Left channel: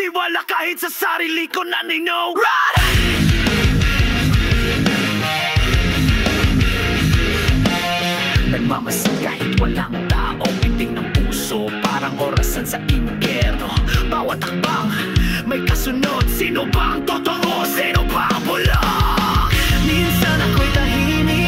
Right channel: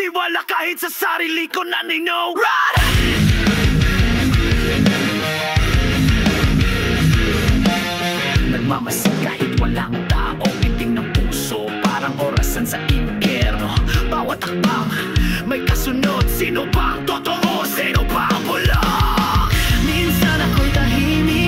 tiwala kahit sa sarili ko nanino. Run! Nagmamasid kahit walang tao, pinting ng puso, parang orasan sa impyerno. Bawat takbang, may kasunod, sino bang totoo, sino bang bulok? Minsan ako'y tahimik,